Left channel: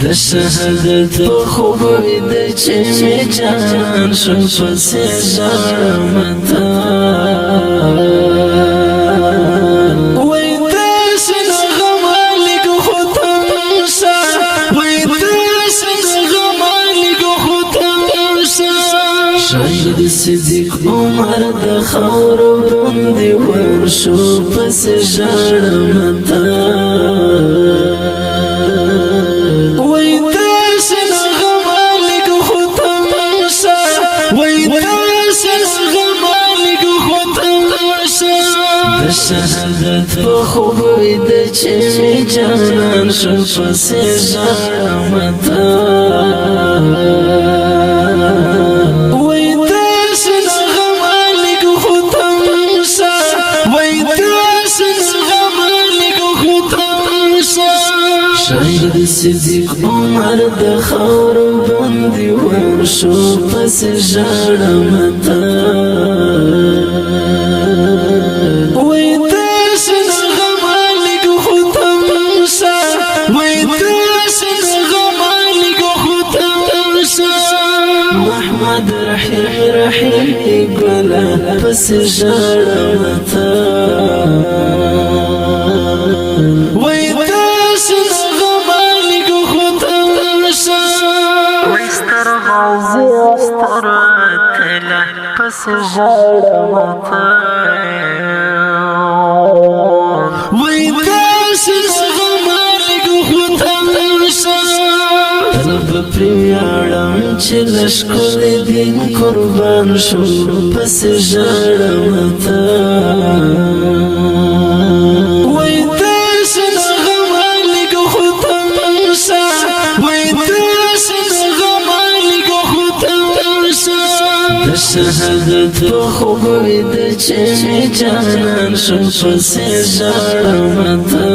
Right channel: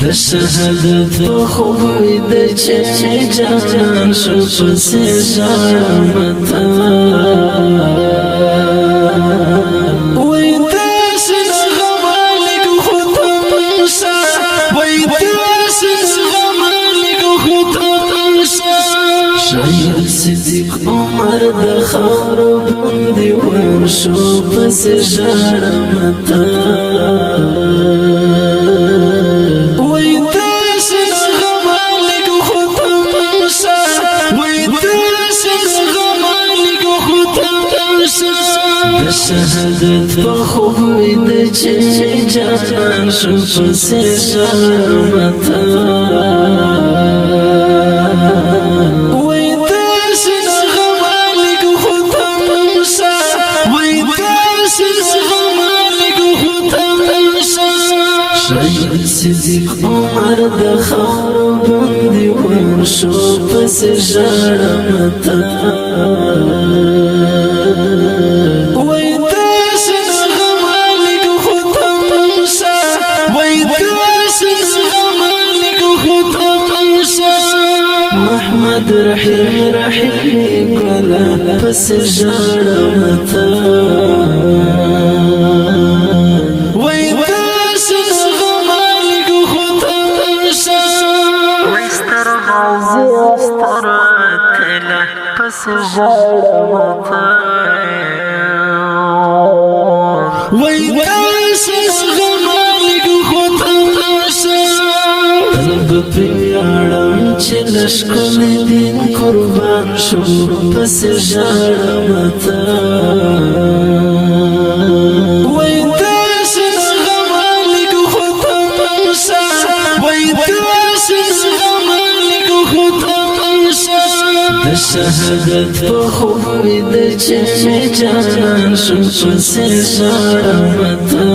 د شهادت په خوب د چې می جانان شو پسې ژړم تا وای داس نه غم لګ ختم شا وای داس نه غم لګ ختم شا شهید صدیق عمر د خاور باندې ورشو پسې ژړم تا شهادت په خوب د چې جانان شو پسې ژړم تا وای داس نه غم لګ ختم شا وای داس نه غم لګ ختم شا شهید صدیق عمر د خاور باندې ورشو پسې ژړم تا محمد رحیم کلا پس ژړم تا وای داس نه غم لګ ختم شا وای ستر غازی ستر کلا پس ژړم تا وای داس نه غم لګ ختم شا رب پیاړم چې لشکل دین قربان شو پس ژړم تا وای داس نه غم لګ ختم شا وای داس نه غم لګ ختم شا د شهادت په خوب د چې جانان شو پس ژړم تا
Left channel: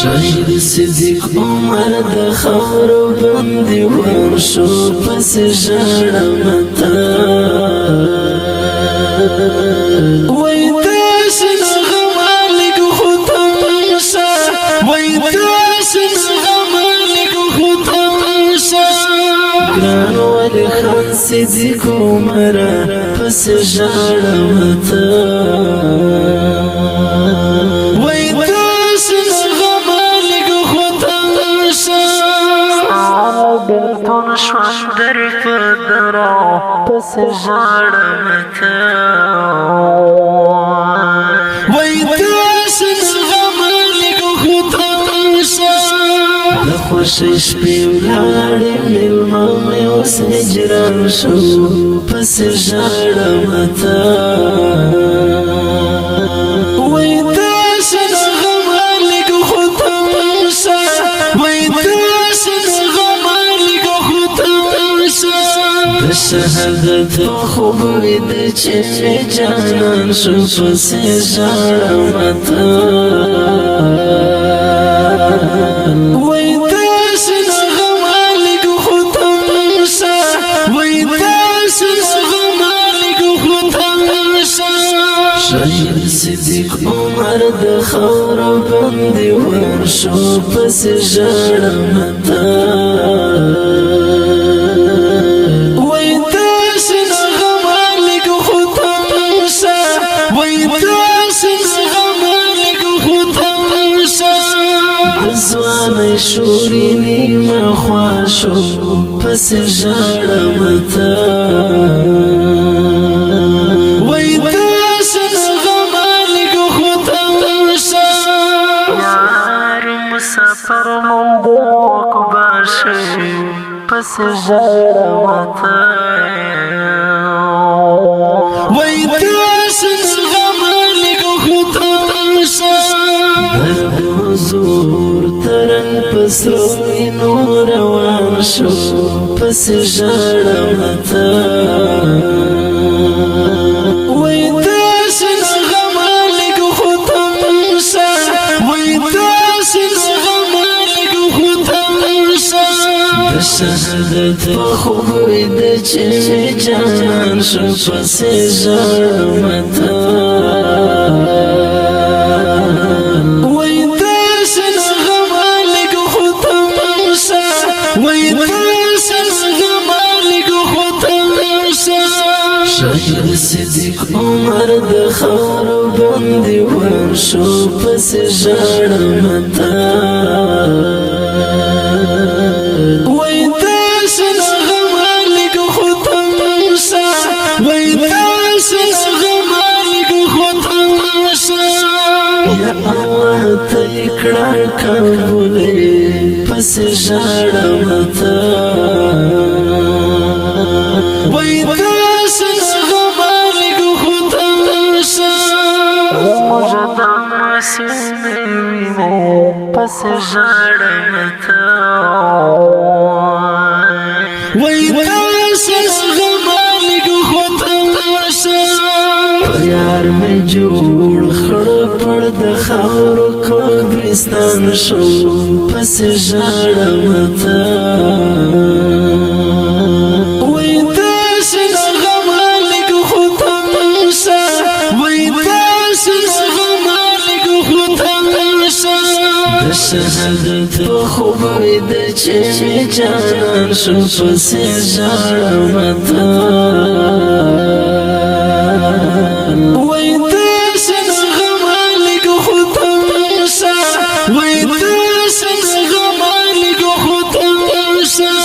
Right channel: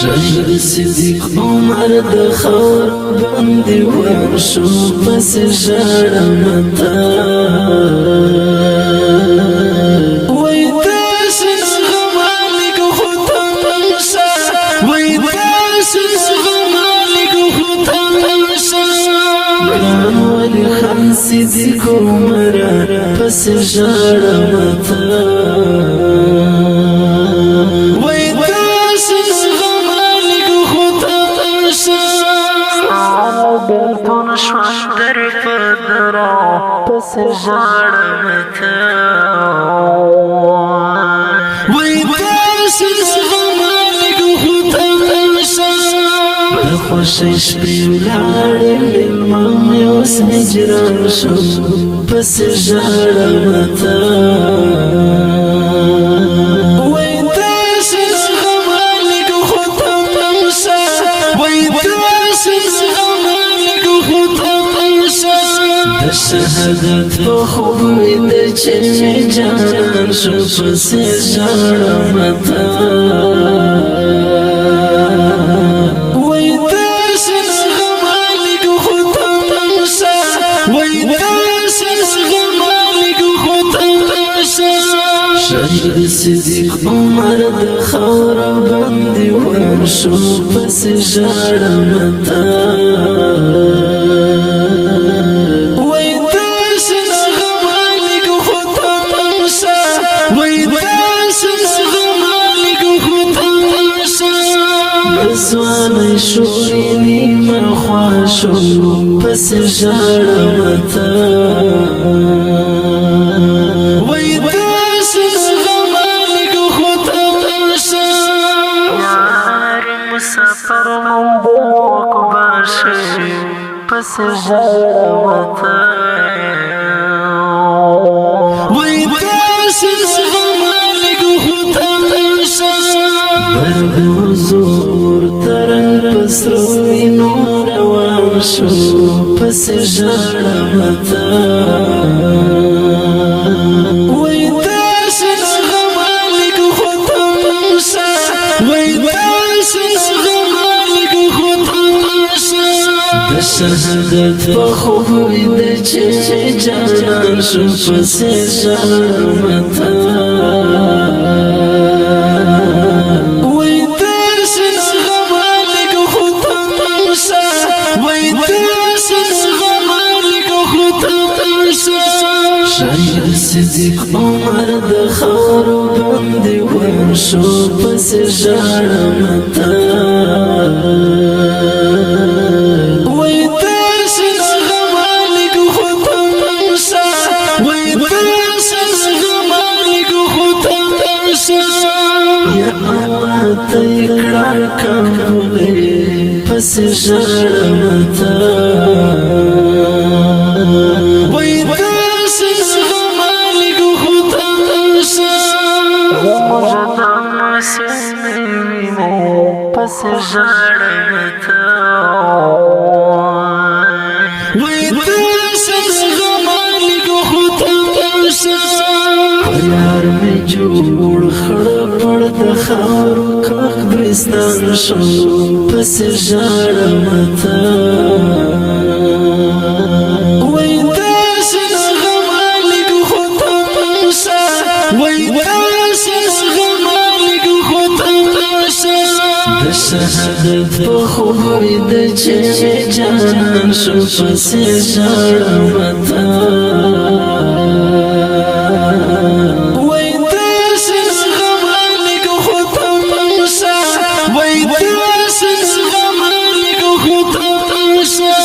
شهید صدیق عمر د خاور باندې ورشو پس ژړم تا وای داس نه غم لګ ختم شا وای داس نه غم لګ ختم شا ګران ولی خان صدیق عمر پس ژړم تا وای داس نه بلتون شوندر پدرا پس ژړم تا وای داس نه غم لګ ختم شا د خوشی شپې ولاړې مېلمه مې اوس هجران شو پس ژړم تا وای داس نه غم لګ ختم شا وای داس نه شهادت په خوب د چې می جانان شو پسې ژړم تا وای داس نه غم لګ ختم شا وای داس نه غم لګ ختم شا شهید صدیق عمر د خاور باندې ورشو پسې ژړم تا زوانه شوري نیمه خوا شو پس ژړم تا وای داس نه غم لګ ختم شا یار مسافر مون عقبا شي پس ژړم تا وای داس نه غم لګ ختم شا حضور ترنګ پسروي نور روان شو پس ژړم تا وای داس نه غم لګ ختم شا وای داس نه غم لګ شهادت په خوب ویده چې مې جانان شو پسې ژاړم ته وای درشه نه غمه لږ خو تم شه وای درشه نه غمه لږ خو تم شه شاید صدیق عمر د خاورو باندې ورشو پسې ژاړم ته وای درشه نه غمه لږ خو تم شه وای درشه نه غمه لږ خو تم شه یا الله ته یې کړه قبولې پسې ژاړم ته وای درشه نه غمه لږ خو تم شه زموږ د معصومې وینې پسې ژاړم ته وای درشه نه غمه لږ خو تم شه یار مې جوړ خړ پړ د خاورو قبرستان شو پسې ژاړم ته وای درشه نه غمه لږ خو تم شه وای درشه نه غمه لږ خو تم شه د شهادت په خوب ویده چې مې جانان شو پسې ژاړم ته وای درشه نه غمه لږ خو تم شه وای درشه نه غمه لږ خو تم شه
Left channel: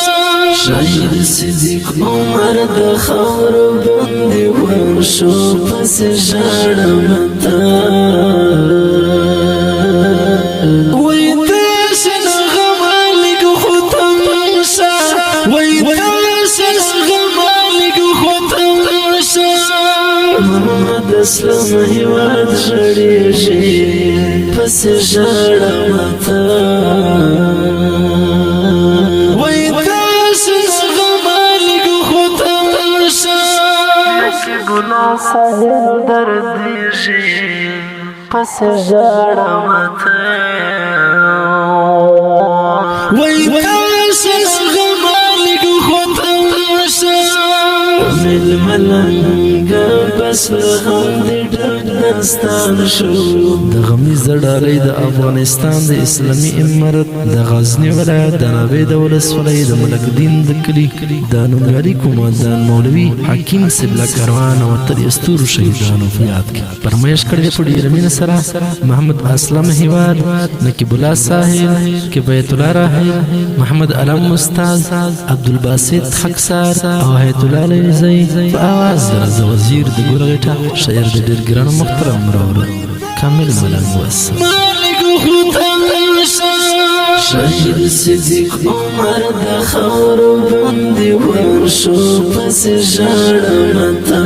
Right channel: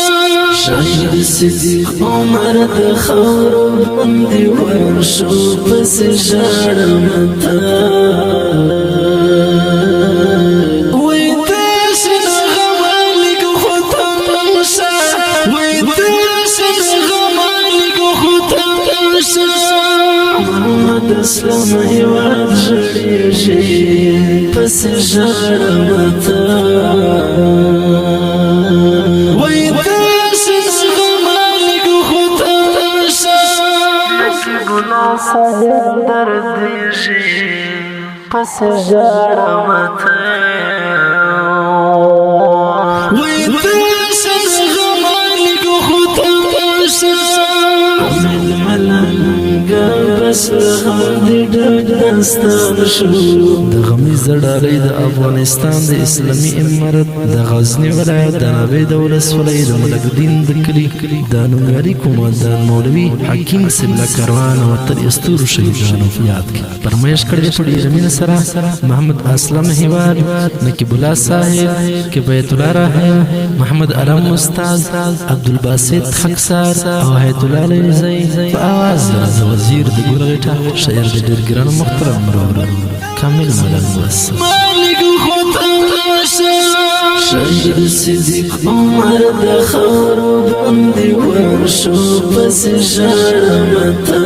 شاید صدیق عمر د خاورو باندې ورشو پسې ژاړم ته وای درشه نه غمه لږ خو تم شه وای درشه نه غمه لږ خو تم شه محمد اسلام هیواد ژړېږي پسې ژاړم ته وای درشه نه غمه لږ خو تم شه لکه ګلان ساحل دردېږي پسې ژاړم ته وای درشه نه غمه لږ خو تم شه امید ملنګه بس غم دې ډګستان شو د غمیز ډالۍ د افغانستان د اسلامي امارت د غزنی ولایت د ناوې د ولسوالۍ د ملک دین د کلي د نومیالي قومندان مولوي حکیم سبله کاروان او تر استورو شهیدانو په یاد کې فرمایش کړی په ډېره مینه سره محمد اسلم هیواد نقیب الله ساحل کفایت الله راحل محمد علم استاد عبدالباسط حقسار او حیات الله لیزی په آواز د وزیر د ګلغټه شاعر د ډېر ګران محترم مرور کامل ملنګ وسه مالک خو تم شه شاید صدیق عمر د خاورو باندې ورشو پسې ژاړم ته